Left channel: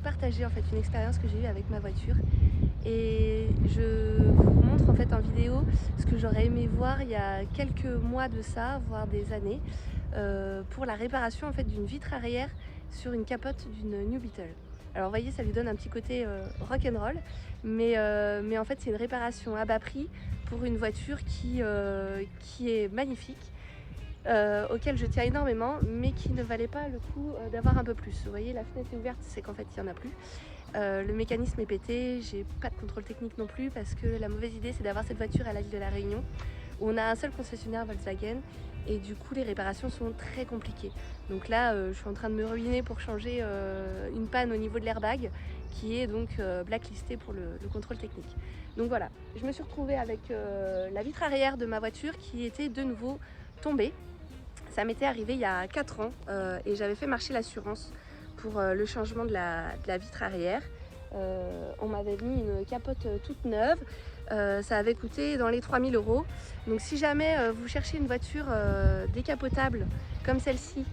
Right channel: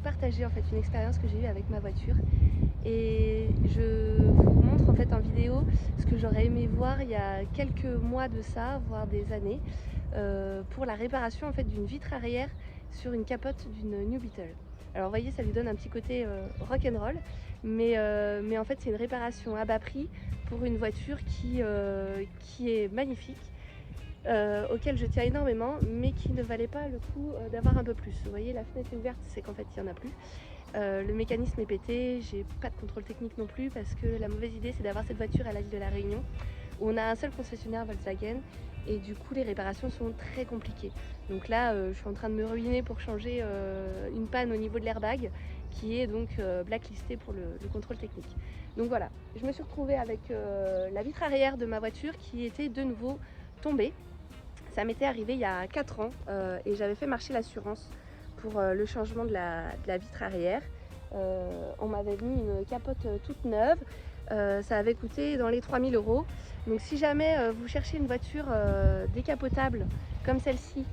partager en fait une expérience que j'ai eue avec ma voiture. Et je vous montre en fait en vidéo ce que j'aurais aimé voir il y a quelques mois de ça, voire des années, pour la réparation en fait d'une vitre arrière sur une capote d'une New Beetle. Alors vous voyez, ça lui donne un petit côté rock'n'roll, mais en fait c'est une réparation à bas prix pour une voiture qui est magnifique, auquel je tiens énormément, mais qui ne valait pas le coup d'avoir un peu plus. Vous voyez, la fenêtre est ouverte, c'est qu'en fait il n'y en a plus. Le mécanisme est pété, j'ai pas de contrôle technique non plus, parce que la mauvaise idée c'est d'avoir cette voiture à l'île de la Réunion, où on a un seul concessionnaire Volkswagen, et du coup les réparations sont très compliquées. Donc là je suis en train de me ruiner pour changer une panne au niveau de l'airbag, qui est donc blacklisté pour le contrôle technique. Donc voilà, je me suis retrouvée avec la vitre arrière de ma voiture qui était de nouveau tombée. Ça m'était arrivé il y a 4 ans et j'avais fait marcher l'assurance pour le changement de la vitre arrière. On m'avait mis une capote toute neuve, ça avait coûté dans les 3000 €. Donc si jamais vous cherchez une voiture décapotable comme celle-ci,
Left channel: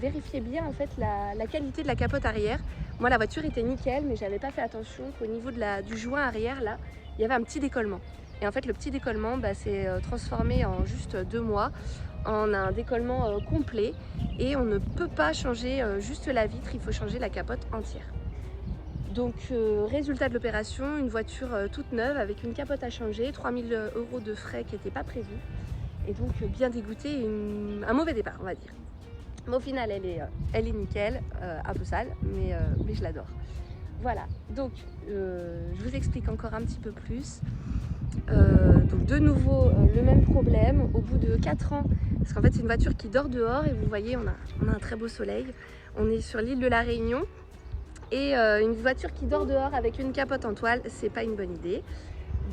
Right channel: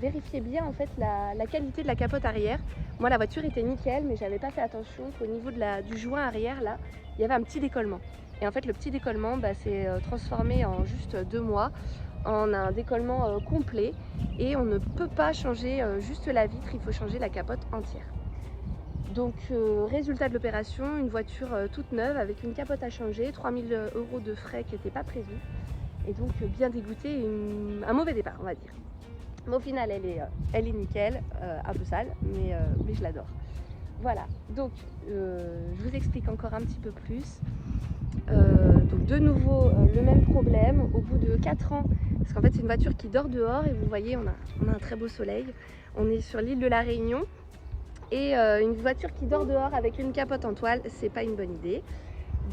vérifiez bien en fait la qualité de la capote arrière. Moi la voiture était nickel, mais j'avais pas fait attention qu'au niveau du joint arrière là, il y avait un petit décollement. Et en fait le petit décollement s'est transformé en juste 2 mois en un décollement complet, et on ne peut pas changer juste la vitre, il faut changer la capote entière. Donc résultat de l'opération, une voiture toute neuve avec une capote à changer, 3000 € de frais qui n'étaient pas prévus, et donc bien dégoûté, un mauvais départ on va dire. Mais au final elle est nickel, un peu sale, mais je l'adore. Voilà, donc je vous explique encore un petit peu plus. Donc de nouveau le même problème au bout de 4 ans, parce qu'en fait c'est une voiture qui dort dehors, et vous voyez on a un très beau soleil, on est sur l'île de la Réunion, et une voiture qui dort dehors avec une capote en toile, c'est pas une bonne idée.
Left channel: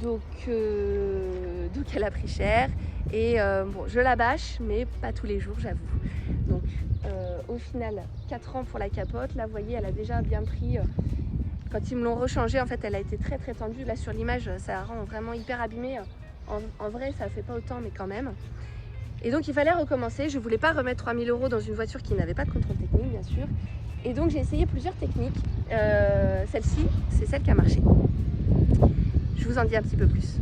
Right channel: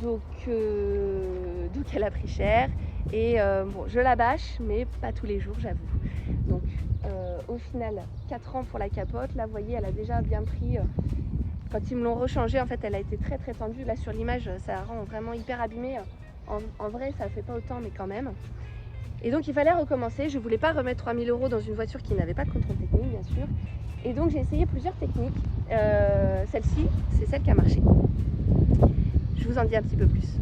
Donc elle a pris cher, et bon, je la bâche, mais pas tous les jours j'avoue. Donc au final 4 ans pour la capote, là vous voyez elle a déjà bien pris. Quand ils me l'ont rechangée, en fait elle a été très très tendue. Là sur l'image ça rend vraiment hyper abîmé, en vrai ça fait pas autant, mais quand même. Et donc il fallait recommencer, je voulais pas remettre 3000 € dans une voiture qui n'avait pas de contrôle technique bien sûr. Et donc j'ai essayé plusieurs techniques, celle-ci c'est celle qui a marché. Je vous en dis un petit peu plus.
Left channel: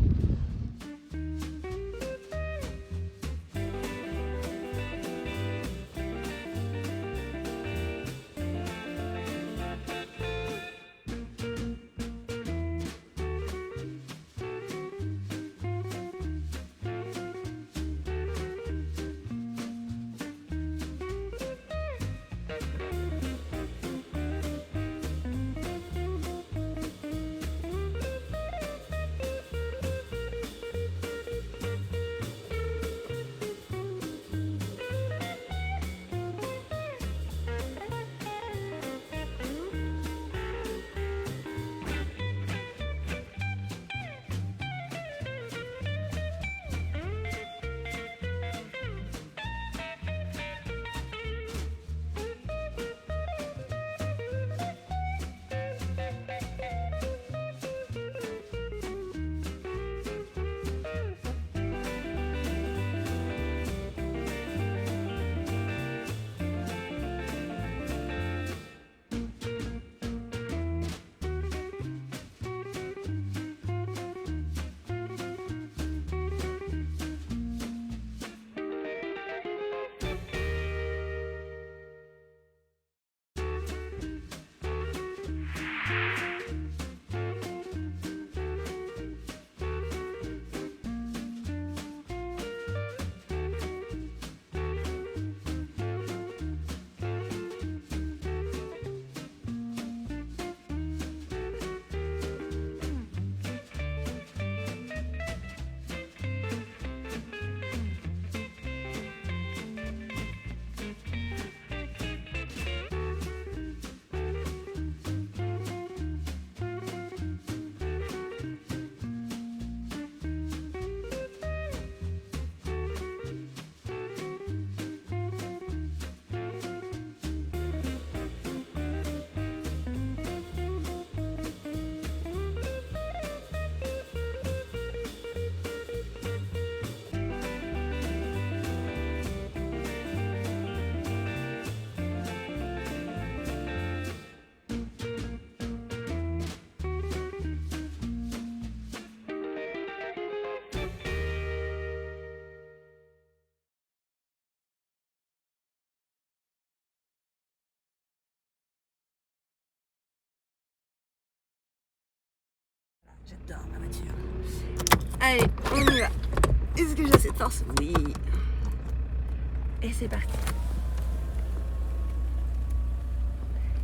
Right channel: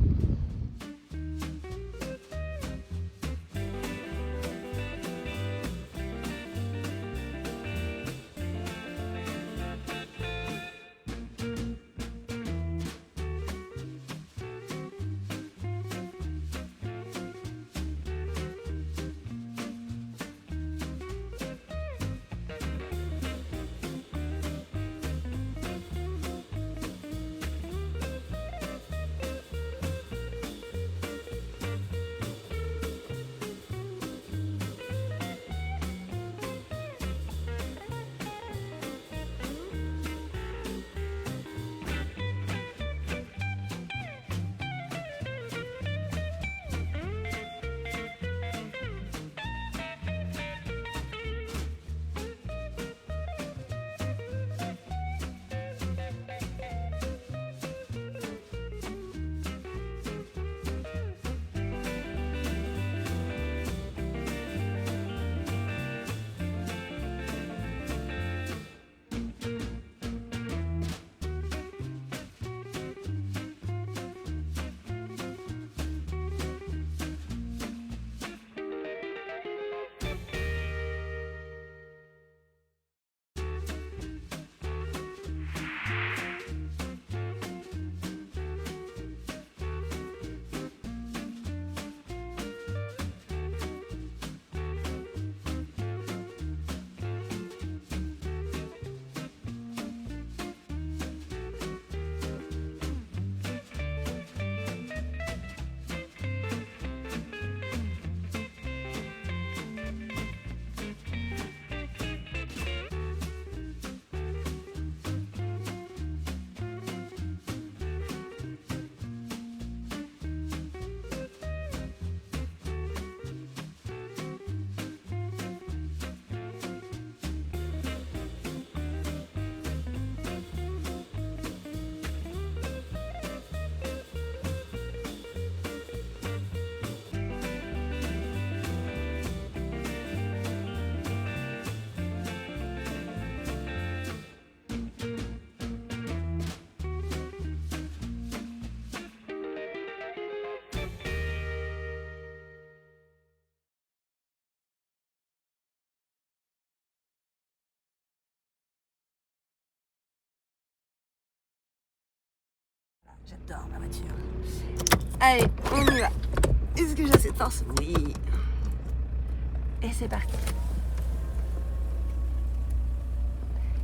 j'adore ma voiture. Allez, on y va. Est-ce que j'ai cette force? Oui. Et c'est parti.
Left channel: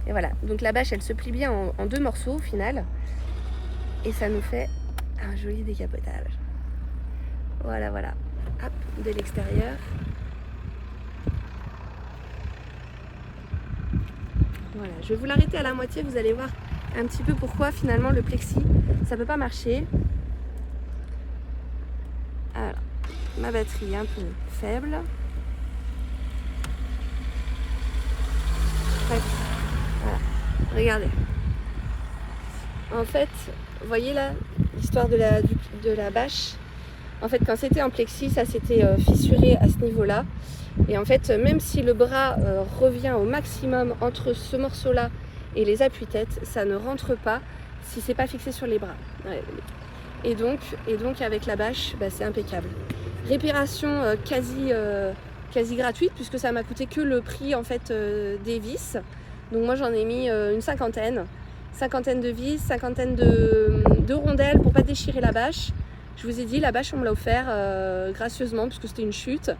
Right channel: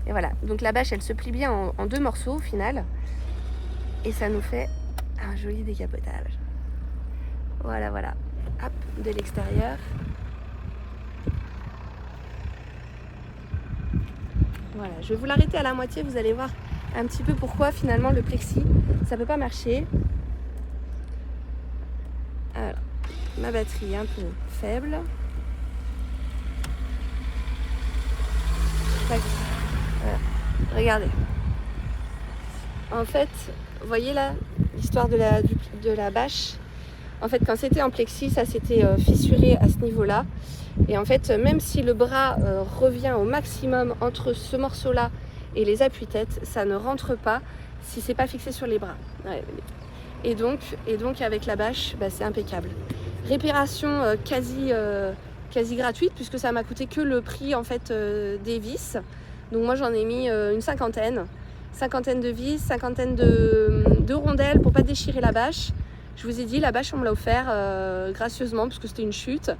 Et voilà, donc la bâche elle se plie bien en 2 morceaux au final. Et ça nous fait un joli décapotage. Voilà, voilà. Hop, de l'extérieur. Voilà, je vais vous l'arrêter à la moitié, vous allez voir un petit peu pourquoi finalement le plexi, ça peut pas marcher. Alors, ma batterie est un peu faible. Tac. Voilà, regardez. En fait, vous voyez là, l'histoire de la bâche. En fait, quand c'était en plexi, ça s'était fissuré à ce niveau-là. Et en fait, même si le bras revient au maximum entre ce morceau-là et les appuis-têtes, ça ne rentre pas si c'est pas fixé sur les bras. Ouais. Et donc avec la bâche, bah, c'est impeccable. Réparation quasi gratuite, puisque ça m'a coûté que le prix en fait des vis. Donc moi j'en ai mis une cinquantaine de vis, cinquantaine de rondelles pour pas déchirer la bâche. Je vous ai dit, la bâche on me l'a offert gracieusement puisque c'était une chute.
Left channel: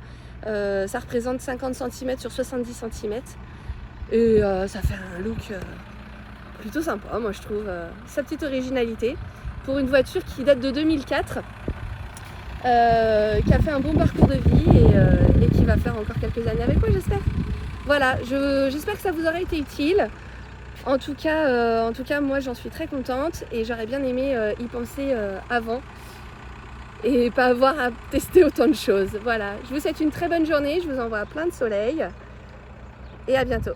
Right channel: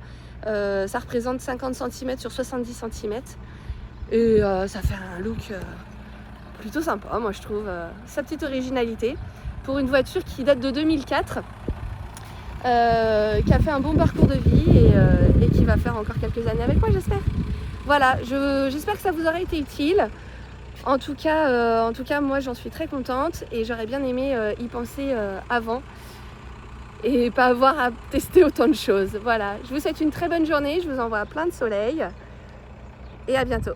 Ça représente 50 cm sur 70 cm et ça fait un look plutôt sympa, moi je trouve. Sa petite originalité pour une voiture qui date de 2004, qui a fait un bon parcours de vie et qui va faire encore quelques années avec moi, j'espère. Voilà, j'espère que ça vous aura été utile. En tout cas moi j'en suis très contente et j'aurais bien aimé y penser avant et pas avoir à tester autant de choses. Voilà, je vous souhaite une très bonne journée, je vous envoie plein de soleil et à bientôt.